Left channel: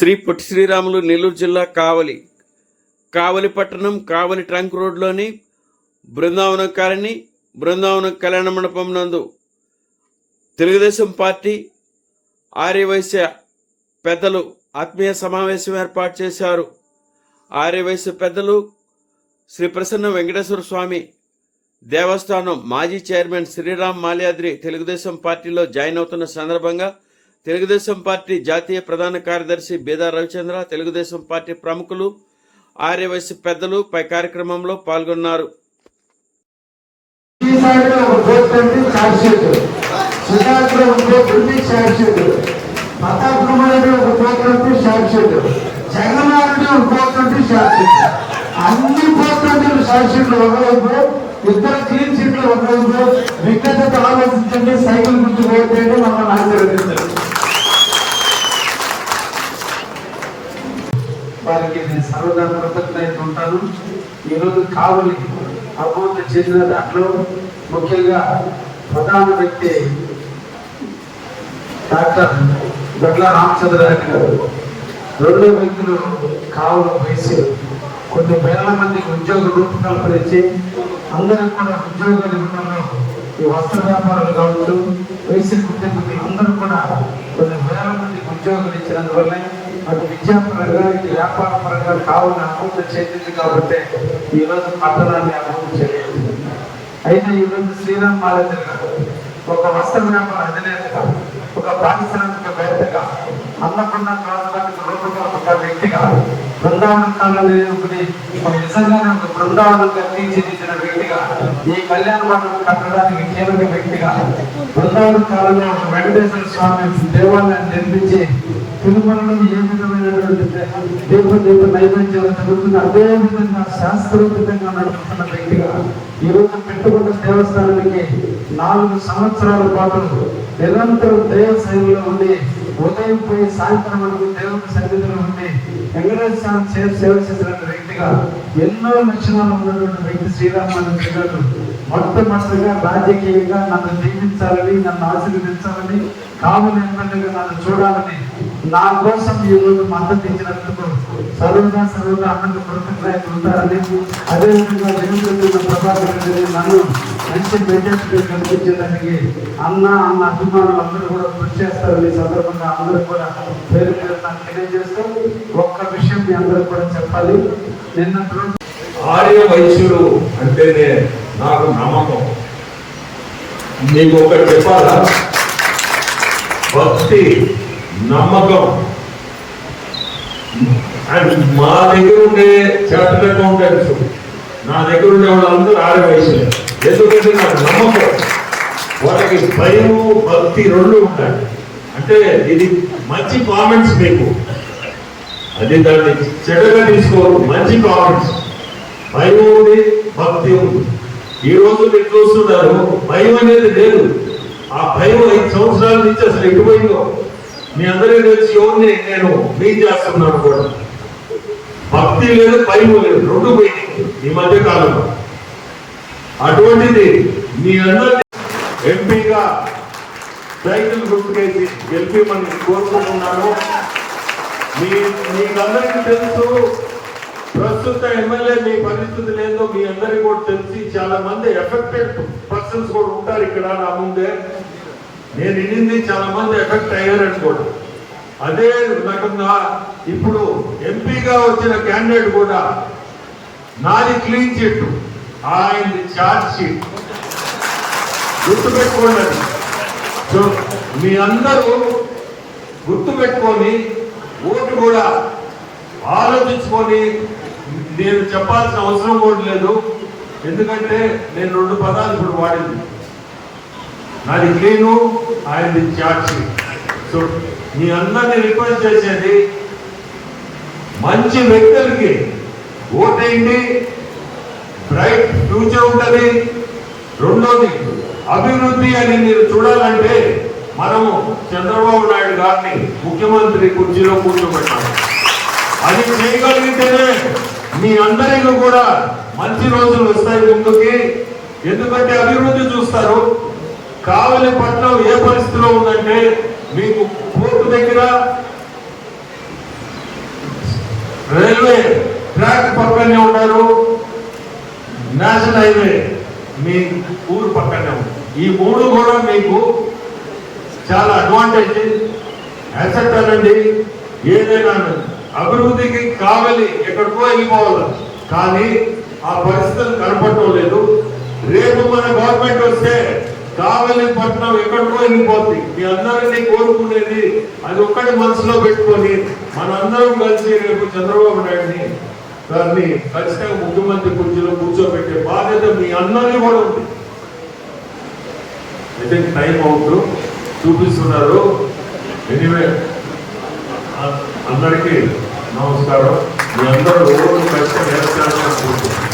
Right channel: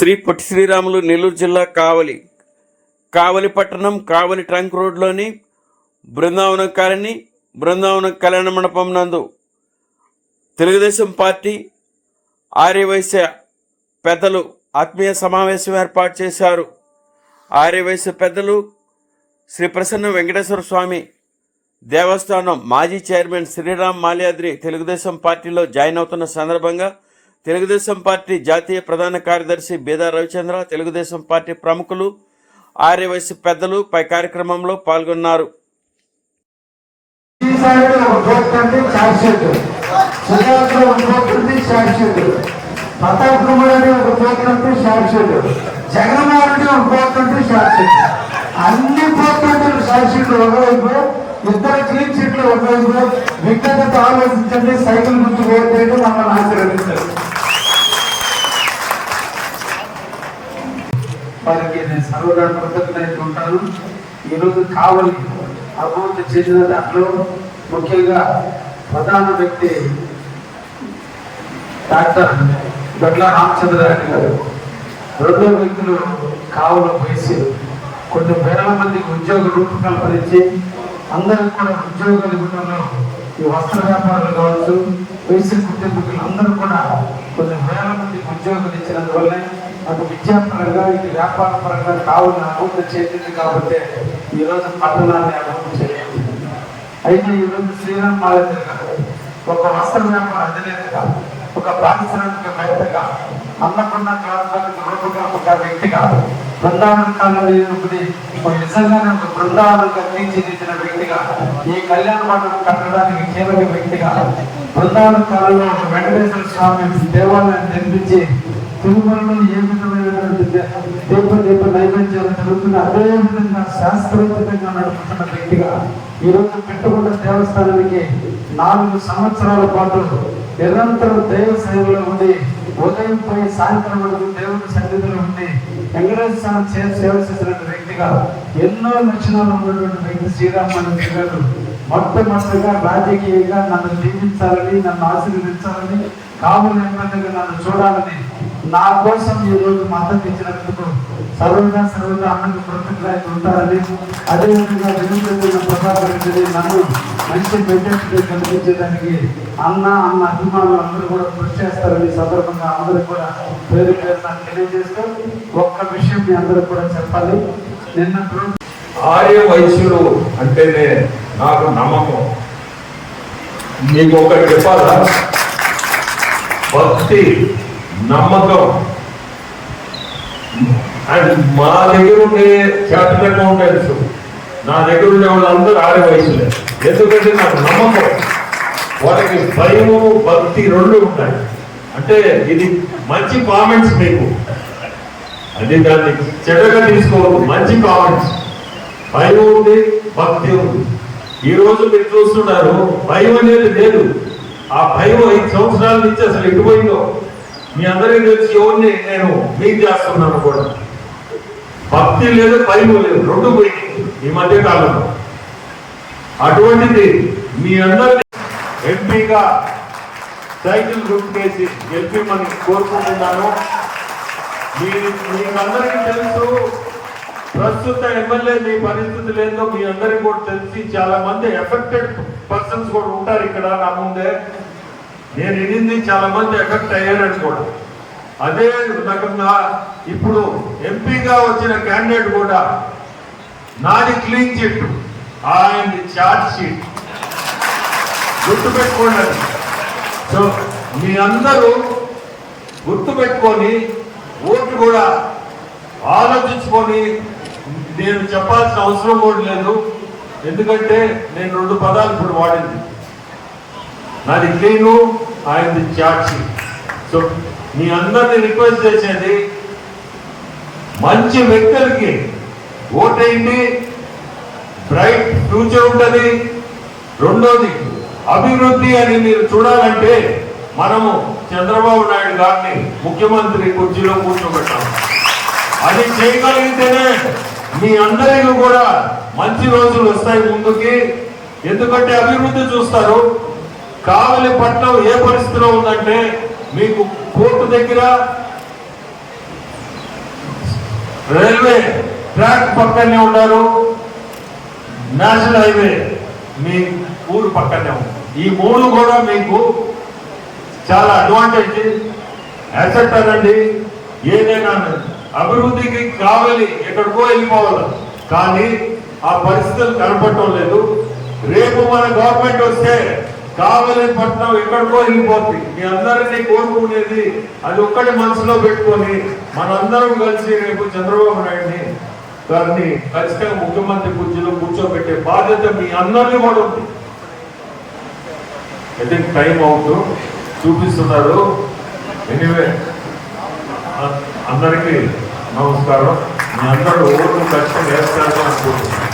శ్రీ పొట్టి శ్రీరాములు నెల్లూరు జిల్లా కావలి కావలి పట్టణం కావలి ట్రంక్ రోడ్లోని బృందావనం కాలనీ బృందావనం కళ్యాణ మండపం నందు తెలుగుదేశం పార్టీ ఆర్యవైశ్య పెద్దలు ఆత్మీయ సమావేశం ఏర్పాటు చేశారు. ఆర్యవైశ్య పెద్దలు శ్రీ ప్రసన్న వెంకటేశ్వర స్వామి దేవస్థానం మాజీ చైర్మన్ శ్రీరామ్ మాల్యాద్రి తెలుగుదేశం పార్టీలో జాయిన్ అవుతున్న సందర్భంగా తెలుగుదేశం పార్టీ జాతీయ ప్రధాన కార్యదర్శి బేదా రవిచంద్ర తెలుగుదేశం పార్టీ ప్రముఖులు ఆర్యవైశ్య పెద్దలు పై కార్యక్రమంలో పాల్గొన్నారు. అన్ని ఒకవైపు ఇద్దరు క్లీన్ చిట్లు ఒకవైపు విజ్ఞతతో ఆలోచించండి సైకిల్ నుంచి పోతే మనం ఆశీర్వదించారు వారికి నేను ఉంటాను ఈరోజు కావలి అభివృద్ధి చెందిన దాంట్లో ముఖ్యంగా ప్రధాన వ్యక్తి డాక్టర్ దొడ్ల రామచంద్ర గారు. రెండో వ్యక్తులు కావలి వేసి కొన్ని వేల మంది ఉద్యోగ రూపకల్పన ఇచ్చి అందరికీ కూడా ఉద్యోగ రూపంలో ఈ వస్త్ర వ్యాపారాలు కావచ్చు వేసి కుటుంబీకులు అందరూ కూడా కొన్ని వేల మందికి ఉద్యోగాలు ఇచ్చినందువల్లే అది విద్యాపరంగా ఇది వ్యాపార పరంగా కావున అభివృద్ధి చేతికి కాబట్టి ఈరోజు రోజు పట్టణాన్ని అభివృద్ధి చేయాలి. అయితే ఈరోజు శ్రీరామ్ బాలాజీ ఒక వస్త్ర వ్యాపార అధినేతగా ఒక పారిశ్రామికవేత్తగా అమ్మకున్న గ్రామానికి లోటుగా ఒక వ్యక్తిగా బృందావన కాలంలో నిజంగా ఒక బృందావనంగా తీర్చిదిద్దిన వ్యక్తిగా కట్టడానికి కీలక వ్యక్తిగా బృందావన కాలంలో ఒక వెంకటేశ్వర స్వామి దేవాలయం నిర్మించి తిరుమలలో ఏ విధమైనటువంటి దేవుడు దేవుడు నైవేద్యాలు జరుగుతున్న అదే విధంగా శాస్త్రోక్తంగా నడుపుతున్న వ్యక్తిగా ఈ పెట్టుకున్న దేవస్థానానికి నాలుగు సంవత్సరాల పాటు నిరంతరం దేవ సేవలో ఉంది ఉదయం పోయి సాయంత్రం వరకు దేవుని సన్నిధిలో ఉంది వెంకటేశ్వర స్వామి సేవ చేసిన వ్యక్తిగా ఎన్నో లక్షణాలు ఉన్నటువంటి వ్యక్తి గారు మొట్టమొదటిగా రాజకీయంగా నన్ను దీవించాలని నన్ను ఆశీర్వదించాలని కావలి ఎమ్మెల్యేగా నన్ను చూడాలని నా కోసం ఈ రోజు మద్దతు ఇచ్చినందుకు సర్వదా సర్వదా అన్నకు కృతజ్ఞతలు ఉంటారని అదేవిధంగా వెనుకబడిన ప్రభావం నన్ను మంచి ప్రతిష్ఠ అన్న అన్న అభిమానులు అందరూ కూడా కృషి చేస్తారని సందర్భంగా అందరూ కూడా పేరు పేరున తెలియజేస్తూ ఒక్క విషయం మీ అందరూ కూడా చెప్పాలి నిన్న ఆర్య వైశ్యుడు అంటేనే నాకు నమ్మకం. నీకు ఒకటి చెప్పాలా? భక్తి నమ్మకం. అండ్ మా దగ్గర ఉండే చార్టెడ్ ఉంటాయి నా దగ్గర ఉండే వాళ్ళందరూ ఆడ వయసులే ఎందుకంటే నాకు నమ్మకం. వాళ్ళకి భయము భక్తి రెండు ఉంటాయి. అంటే ఇది మంచి కామెంట్స్ మీకు. అది దాన్ని చెడ్డగా తీసుకోవద్దు మంచి కామెంట్స్. భయం ఉంది భక్తి ఉంది. ఈ రోజు మీరు చూస్తున్నారు భయం అనేది లేదు. ఆ భయం ఐదు సంవత్సరాల నుంచి అసలు ఎటుపోయిందో. మీ అందరికీ తెలిసి ఎవరిని నేను మీట్ చేస్తున్నాను కూడా. భక్తి లేదు భయం లేదు రెండు పోయింది ఈ మధ్య కాలంలో. అటువంటిది మీ అందరి ఎంపీగా సైకిల్ గుర్తుకేసి గెలిపి మనకి కోరుకుంటున్నాను. మీ మీకందరికీ తెలుసు ప్రస్తుత ఎమ్మెల్యే మీ పరిస్థితులు ఏందో మీ అందరికీ కూడా తెలిసి చాలా మంది ఎఫెక్టెడ్ పర్సన్స్ కూడా ఉంటారు ఇక్కడ నా ముందే. నేను వినింది చాలా మంది ఎఫెక్ట్ అయ్యారని కూడా. అదే రకంగా ఇప్పుడు ఎంపీగా వచ్చిన క్యాండిడేట్ కూడా నాది క్లీన్ చిట్ ఆయనది చార్జ్ షీట్ గుర్తుపెట్టుకోండి సో మీ అందరూ గుర్తుపెట్టుకొని ఓటు కూడా ఆలోచించుకొని నేను చెప్పాల్సిన అవసరం కూడా లేదు. ఎందుకంటే నేను రెండు పదాలు ఇప్పుడు వాడింది. నాది క్లీను ఆయనది చార్జీ సో మీ అందరిని రిక్వెస్ట్ చేసేది మంచి వ్యక్తులకి ఓటేయండి. బ్రైట్ ఫ్యూచర్ ఉంటుంది. రెండోది అభివృద్ధి అని మీరు చూడాలంటే మనము చంద్రబాబు నాయుడు గారిని ముఖ్యమంత్రి కుర్చీలో కూర్చోబెట్టాలి అది చేయగలిగితేనే మీ అందరికీ కూడా మంచి రోజులు వస్తాయి ముందుకి. ఎందుకంటే అభివృద్ధి చూస్తారు. కావలి పట్నం ఏ పరిస్థితిలో ఉందంటే మీకు కోర్టు దగ్గర రైల్వే ట్రాక్ పక్కనే ఉన్నారు. నేషనల్ హైవే మీ ఊరు పక్కనే ఈ మూడు కూడా మీకు చాలా అడ్వాంటేజ్ యాక్సెప్ట్ అనండి ఏదైనా అభివృద్ధికి కావాలి ఎక్కడికో వెళ్ళిపోవాలి. కానీ ఆ పరిస్థితులు కనపడటం లేదు రేపు మన గవర్నమెంట్ వస్తే కావలి పట్టణం ఎక్కడికో వెళ్ళిపోతుంది మీ అందరినీ కోరుకునేది అది ఒక్కటి మనసులో పెట్టుకొని మనందరం కలిసి రేపు చంద్రబాబు నాయుడిని గారిని ఖచ్చితంగా ముఖ్యమంత్రి కుర్చీలో కూర్చోబెట్టే బాధ్యత మీ అందరినీ కూడా ఉంది. ఐ థింక్ టైం అవుతుంది చూపిస్తున్నారు. ఎనివే అందరికీ నమస్కారం. మీ అందరూ కష్టం వేస్తారని అనుకుంటున్నాను